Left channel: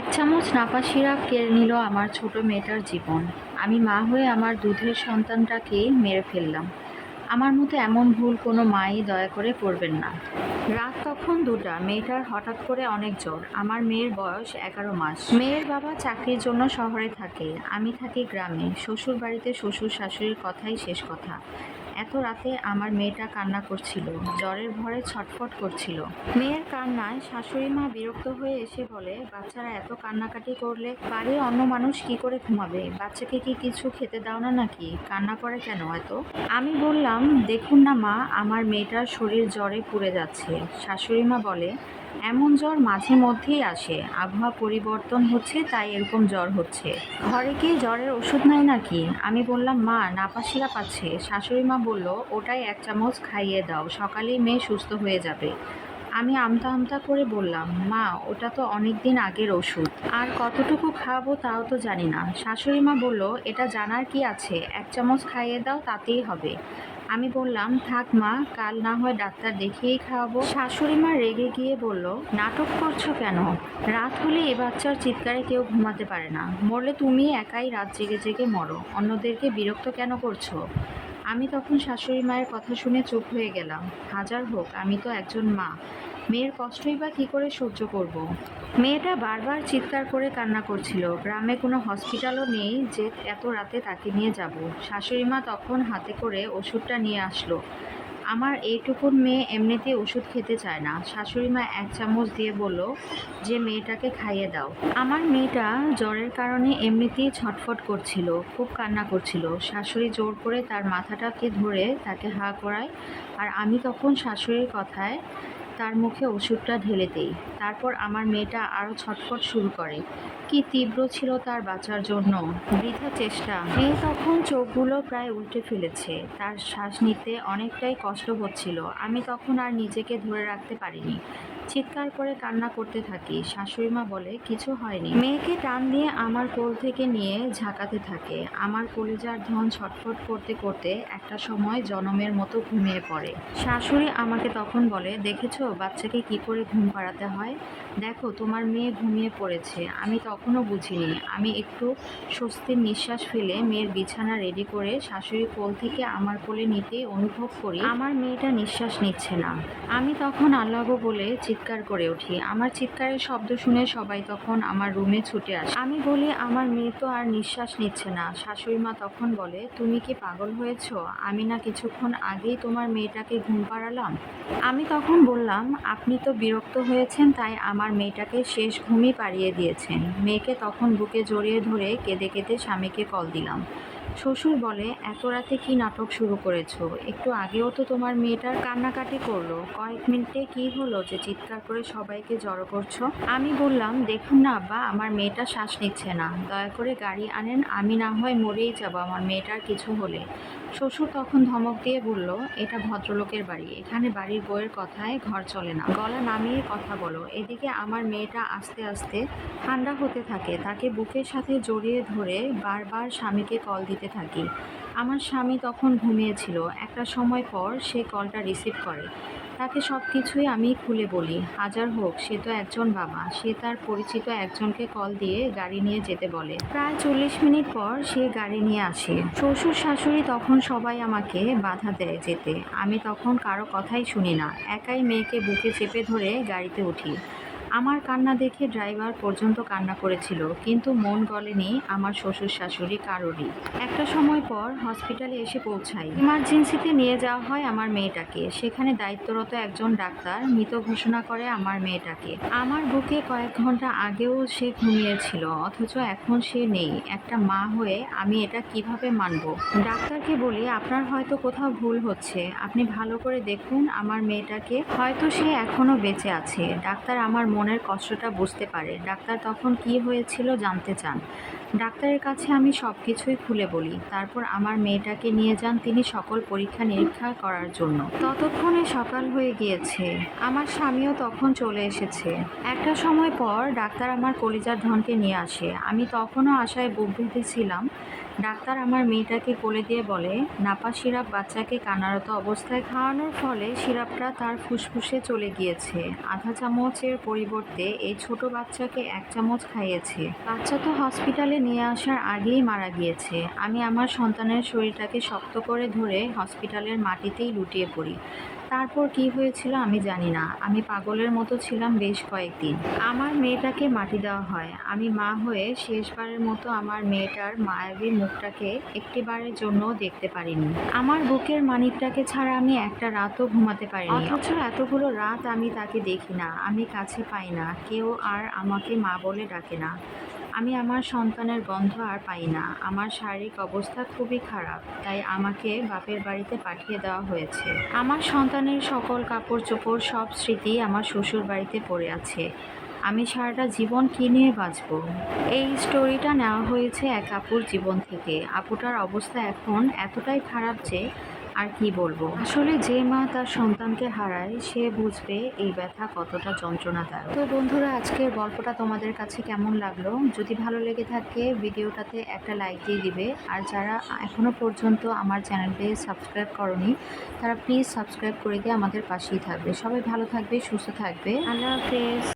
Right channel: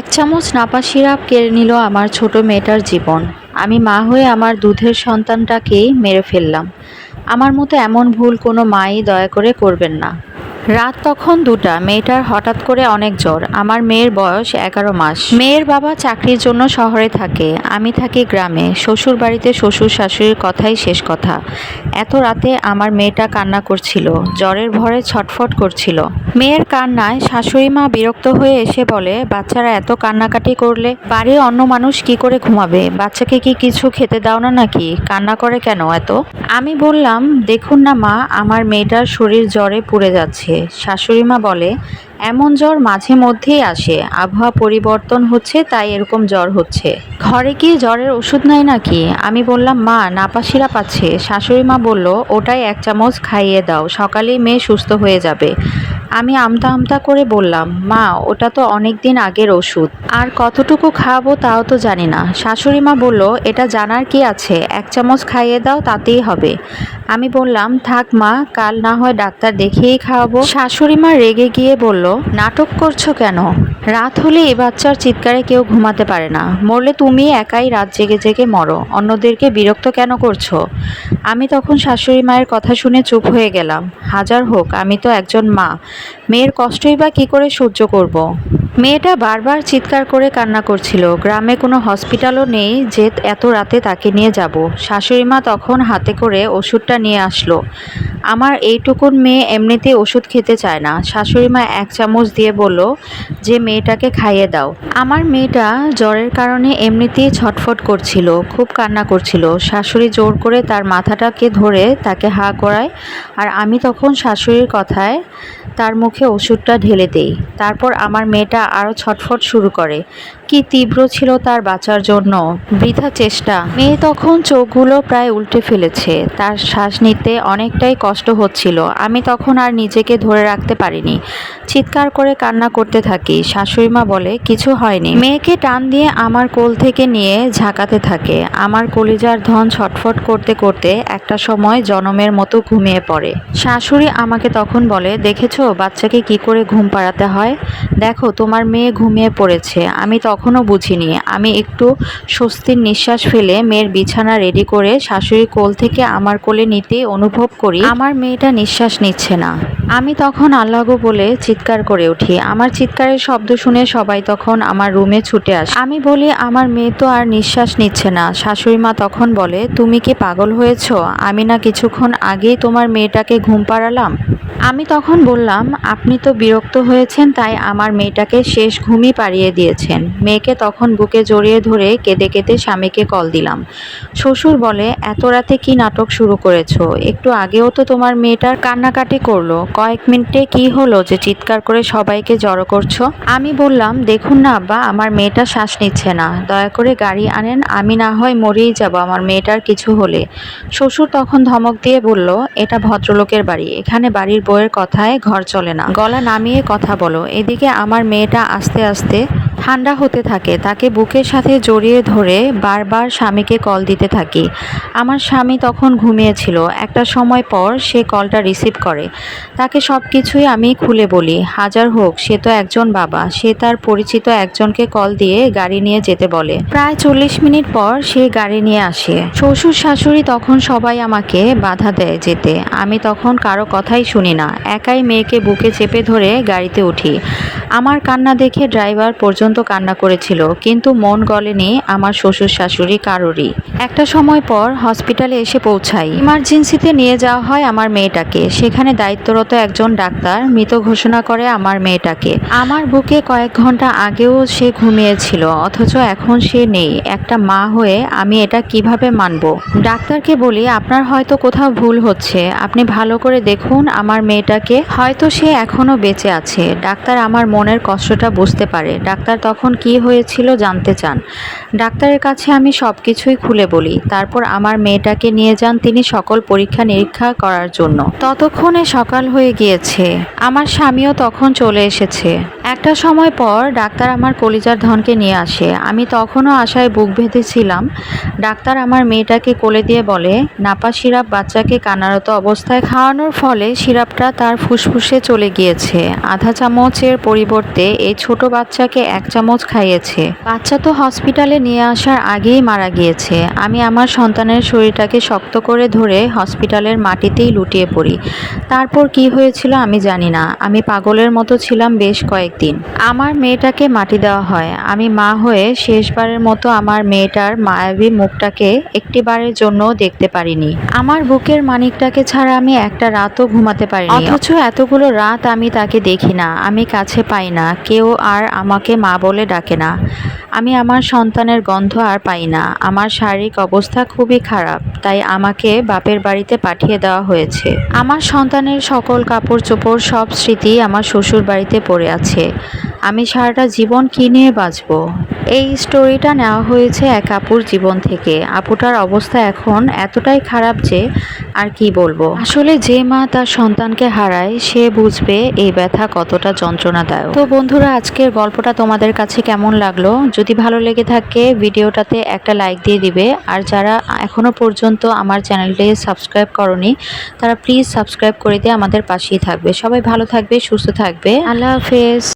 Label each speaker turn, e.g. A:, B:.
A: এক চামচ নাপা সিরাপ কেড়ে নিল আমার ছোট মেয়েটার জীবন। আমি মা হয়ে আমার দুধের সন্তানটাকেই মেরে ফেললাম। আমার মতো এমন ভুল কোনো মাই দয়া করে করবেন না। রাত তখন দুটা। মেয়েটার হঠাৎ করে অনেক জ্বর। আমার মেয়ের বয়স এগারো মাস। মেয়ের বাবা চাকরির জন্য শহরে থাকে। আমি থাকি গ্রামে। শ্বশুর বাড়িতে শ্বশুর শাশুড়ির কথাই শেষ কথা। এত রাতে আমার মেয়েটা কান্না করছিল। জ্বরের ভরে ছটফট করছিল। মেয়ের কান্নায় শাশুড়ি মা বিরক্ত হয়ে এসে বলে, বাচ্চারা এত কান্নাকাটি করলে বাড়ির অন্য মানুষ কি করে ঘুমাবে? বাচ্চাকে কি কিছু খেতে দাও না নাকি? কান্না করে কেন এত? আমি বললাম, দেখুন না মা, আমার মেয়েটার শরীর জ্বরে পুড়ে যাচ্ছে। শাশুড়ি মা বলে, এমন জ্বর মাঝে মধ্যেই আসে, আবহাওয়া পরিবর্তন হচ্ছে, তাই এরকম জ্বর হচ্ছে। ঘরে কি জ্বরের ওষুধ নাই নাকি? আমি বললাম, মা নাপাসিরা পাচ্ছে। শাশুড়ি মা বলল, ওটাই এক চামচ খাইয়ে দাও, সকালেই মেয়ে সুস্থ হয়ে যাবে। আমি আমতা আমতা করে বললাম, মা, ওটা তো অনেক দিন আগের ওষুধ। আর কতটুকু খাওয়াবো তাও তো জানি না। শাশুড়ি মা বলল, এটা জানার কি আছে? এক চামচ খাইয়ে দাও, তাতেই হবে। আমি বললাম, থাক মা, কাল না হয় ডাক্তার দেখিয়েই খাওয়াবো। শাশুড়ি মা রেগে গিয়ে বলল, নাটক করছ কেন? রাত হলে এ বাচ্চার চিৎকারে কেউ ঘুমাতে পারে না। মরলে তুমি একাই রাত জেগে জেগে মরো। অন্যদেরকে বিরক্ত কেন করছ? আমি তখন শাশুড়ি মায়ের কথা শুনে চুপ হয়ে গেলাম। হাজার হোক, আমি তো একজন মা। মেয়ের কষ্টই বা কী করে সহ্য করব। মেয়েটা বারবার চিৎকার করে কান্না করছিল। গ্রামে কোনো হসপিটালও নেই যে এত রাতে তাকে নিয়ে যাব। শাশুড়ি মা তখন হাতে করে ওষুধটা নিয়ে আসলো। আমার এইটুকুন মেয়ে এমনিতেই ওষুধ খেতে চায় না। শাশুড়ি মা এক চামচ দিয়ে বলল, যে মেয়েটাকে খাইয়ে দাও। আমার মেয়েটা জ্বরের কারণে এমনিতেই ছটফট করছিল, খুব কান্না করছিল। শাশুড়ি জোর করে তার মাথাটাকে ধরে তাকে হা করায় আর আমি তখন শাশুড়ির কথায় তার মুখে ওষুধটা ঢেলে দেই। তারপর আমার মেয়েটা আরও ছটফট শুরু করে। কি তীব্র ছিল তার বাঁচার জন্য? বৃথা চেষ্টা। মেয়ে তখন চোখগুলো প্রায় উল্টে ফেলেছে। তার শ্বাস নিতে অনেকটাই কষ্ট হচ্ছিল। আমি তখন আর নিজেকে ধরে রাখতে পারিনি। চিৎকার করে কান্না করতে থাকি। শাশুড়িমা বলে, কিছু হয়নি। মেয়েকে টান দিয়ে আমার কোল থেকে নিয়ে ঝাঁকাতে থাকে। আমার কলিজার ধন ছটফট করতে করতে একটা সময় জনমের মতো ঘুমিয়ে পড়ে। শাশুড়ি আমাকে তখন বলে, দেখেছ বাচ্চাকে কি করে ঘুম পাড়াতে হয়? দেখো তোমার মেয়ে ঘুমিয়ে পড়েছে। আমি তখনও বুঝিনি। আমি একটু স্বস্তির নিঃশ্বাস ফেলে মেয়ের বিছানা রেডি করে শাশুড়ির কোল থেকে আমার কোলে নিতেই অনুভব করি, আমার মেয়েটা নিঃশ্বাস নিচ্ছে না। আমি তখন আল্লাহগো বলে চিৎকার করে উঠি। আমার চিৎকারের শব্দ শুনে সবাই তখন আমার রুমে ছুটে আসে। আমি বলি, আমার মেয়ে তো আর নিঃশ্বাস নিচ্ছে না। শাশুড়ি মা তখন বলে, তুমি কি পাগল হয়েছো? আমি না কিছুক্ষণ আগেই তোমার মেয়েটাকে ঘুম পাড়ালাম? আমি তখন বললাম, আপনি তো বিরক্ত হয়েছেন, তাই আমার মেয়েটাকে শেষ ঘুমই পাড়িয়ে দিয়েছেন। মেয়েকে তখন বুকে জড়িয়ে ধরে কেঁদে কেঁদে স্বামীকে কল দিলাম। শ্বশুর বলে, এত রাতে কি নাটক শুরু করেছ? একটু আগেও তো তোমার মেয়েটার কান্নাকাটি করল। কয়েক মিনিটে কি হলো যে চিৎকার করে সবাইকে জড়ো করছ? আমি বললাম, দেখুন না আব্বা, আমার মেয়েটা শ্বাস নিচ্ছে না। দয়া করে গাড়ি আনেন, আমি না হয় মরেই যাব আমার মেয়েটার কিছু হলে। শ্বশুর তখন ধমক দিয়ে বলল, এটা ভদ্রলোকের বাড়ি। এখানে বাড়ির বউয়ের কথায় ঘর চলে না। গলা নামিয়ে কথা বলো এদিকে আমার মেয়েটা আস্তে আস্তে ঠান্ডা হতে থাকে, তাকে বুকের সাথে জড়িয়ে ধরে বারবার স্বামীকে কল দিতে থাকি। আমার স্বামী তখন ঘুমিয়েছিল। একটা সময় পর সে কলটা রিসিভ করে। তাকে সব কিছুই আমি খুলে বলি, হাজার হোক, সে তো একজন বাবা। সে তার পরিচিত একজনকে কল দিয়ে গাড়ি নিয়ে যেতে বলে। প্রায় চল্লিশ মিনিট পর সে গাড়ি নিয়ে আসে। শ্বশুর শাশুড়ি তখন সবাই আমাকে বাধা দেয় যেতে। আমি তখন কারও কথাই শুনি না। একাই মেয়েকে বুকে চেপে ধরে গাড়িতে উঠি। আমার কান্না দেখে ড্রাইভার পর্যন্ত কান্না করেছিল, কিন্তু মন গলেনি আমার শ্বশুর শাশুড়ি কারোরই। একটা সময় পর হসপিটালে এসে পৌঁছাই। ইমার্জেন্সিতে নিয়ে যাওয়া হয় আমার মেয়েটাকে। সেখানে দায়িত্বরত একজন ডাক্তার মৃত ঘোষণা করে আমার মেয়েটাকে। আমার বুকে কয়েক ঘণ্টা আগেও সে ঘুমিয়েছিল, অথচ এখন সে নেই। একটা মা হয়ে আমি এটা কীভাবে মানব? ডাক্তারকে বলি, আপনার হয়তো কোথাও ভুল হচ্ছে। আপনি ভালো করে দেখুন আমার মেয়েটাকে। হয়তো সে এখনও বেঁচে আছে। ডাক্তার আমার মনের কষ্টটা বুঝতে পারে। ডাক্তার তখন কি হয়েছিল জানতে চান। ডাক্তারের কাছে আমি সব কিছুই খুলে বলি, তারপর আমার মেয়েটাকে নিয়ে যান তিনি সকল পরীক্ষা নিরীক্ষা করার জন্য। ততক্ষণে সকাল হয়ে গিয়েছে। আমার স্বামীও তখন চলে এসেছে। একটা সময় পর ডাক্তার আমার কলিজার ধনকে নিয়ে আসে। আমি তখনও আশায় বুক বেঁধেছিলাম ডাক্তার আমার মেয়েটাকে কোলে দিয়ে বলে, নাপা সিরাপ বাচ্চাকে কানারত অবস্থায় খাওয়ানোর ফলে সিরাপটা তার ফুসফুসে চলে গিয়েছে। আধা চামচের পরিবর্তে এই ছোট বাচ্চাকে এক চামচ খাইয়েছে। বাচ্চা তো হসপিটালে নিয়ে আসার আগেই মারা গিয়েছে। আমি আমার সন্তানের শরীরটাকে শক্ত করে ধরে হসপিটালের মাটিতেই লুটিয়ে পড়ি। তারপর কি হয়েছিল আমি জানি না। আমি পাগলের মতো ছিলাম বেশ কয়েকদিন। আমার মেয়েটাকে মাটি দেওয়া হয়। আমি মা হয়ে শেষবারের মতো আমার মেয়েটার মায়াবী মুখটাকে একটিবারের জন্য দেখতে পারিনি। আমার বুকের মানিকটাকে ছাড়া আমি একটা রাতও ঘুমাতে পারিনি। অথচ এতগুলো রাত আমি তাকে দেখি না। আমি কাছে পাই না। কেউ আর আমাকে মা বলে ডাকে না। আমি আমার সন্তানের গন্ধ আর পাই না। আমার শারীরিক অবস্থা খুবই খারাপ, তাই আমাকে বাপের বাড়িতে পাঠিয়ে দেওয়া হয়েছে। আমার সন্তানের সকল কাপড় চোপড় সব স্মৃতি আমার শ্বশুর বাড়িতে পড়ে আছে। আমি সারাটা জীবন কী নিয়ে বাঁচবো? এই স্টোরিটা নেওয়া হয়েছে এক আপুর জীবন থেকে। আপুটার অবস্থা এখন এতটাই খারাপ যে আর কি বলব? আসলে যে মা তার সন্তানকে হারায়, সে বুঝবে এই ব্যথা কতটা যন্ত্রণাদায়ক। তো বন্ধুরা, আজকের গল্পটা তোমাদের কাছে কেমন লাগল? যদি ভালো লেগে থাকে, ভিডিওটাতে একটা লাইক দিয়ে দিবে। আর যারা এখনও পর্যন্ত আমার চ্যানেলটি সাবস্ক্রাইব করনি, তারা প্লিজ সাবস্ক্রাইব করে দিয়ে আমাদের পাশেই থাকবে। সবাই ভালো থাকবে, সুস্থ থাকবে। আল্লাহ হাফেজ।